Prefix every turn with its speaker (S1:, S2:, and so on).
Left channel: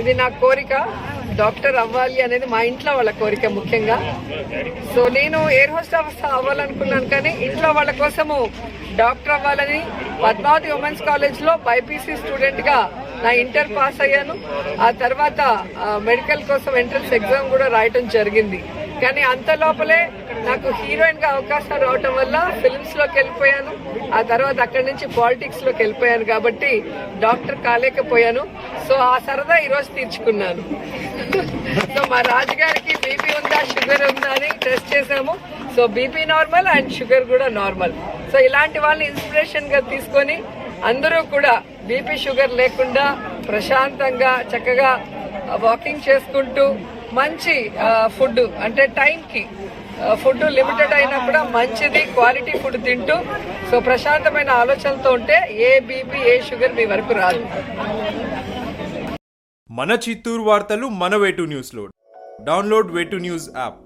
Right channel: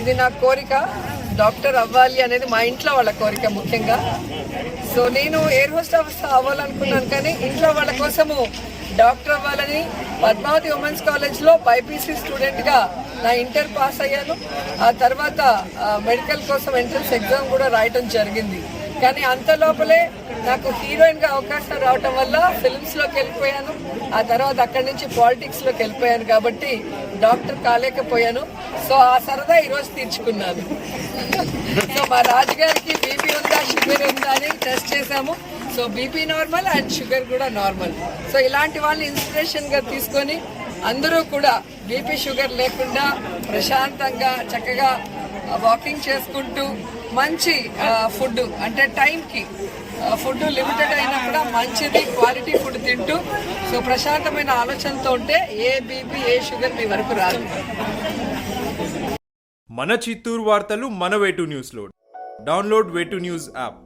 S1: ఇది నా కోరిక. డాక్టర్ అవ్వాలి అనేది మా ఇంట్లో వాళ్ళ కోరిక ముఖ్యంగా. సో నేను ఎయిర్ హోస్ట్ అవ్వాలనుకున్నాను కానీ ఇంట్లో వాళ్ళ కోసము డాక్టర్ అవ్వాలని పద్మావతి ఉమెన్స్ కాలేజ్లో బైపీసీ స్టూడెంట్గా నా ఇంటర్ పాస్ అయ్యాను. ఆ తర్వాత మెడికల్ కోసం ఎంట్రన్స్ ఎగ్జామ్ కూడా రాయటం జరిగింది. కానీ అంత లోపలే నాకు హీరోయిన్గా అవకాశం రావటం వల్ల ఫిల్మ్స్లోకి వెళ్ళిపోయాను. ఆ తర్వాత అక్కడి నుంచి పాలిటిక్స్లోకి వెళ్ళిపోయాను కాబట్టి డాక్టర్ కాలేకపోయాను. సో ఆ సరదా ఈ రోజు తీర్చుకున్నాను. సో మా రాజుగారికి బీపీ ఉందా షుగర్ ఉందా అని టెస్ట్ చేశాము. So BP normal and sugar కూడా నార్మల్ సో ఇలాంటి వాళ్ళని ఇన్స్పిరేషన్గా తీసుకొని అందరూ కూడా బీపీ షుగర్ లేకుండా ప్రశాంతంగా చక్కగా వాకింగ్ చేసుకుంటూ మంచి ఫుడ్ అంటే టైంకి ఫుడ్ లిమిటెడ్ అయినా కూడా మంచిది క్వాలిటీ ఫుడ్ తింటూ సో ప్రశాంతమైన ఆలోచనతో ఉంటే ఏ బీపీ ఏ షుగర్ మీ వరకు రాదు.
S2: మన చిత్తూరు వార్తలు మన వేటు న్యూస్లో. డౌన్లోడ్ వేటు న్యూస్ యాప్.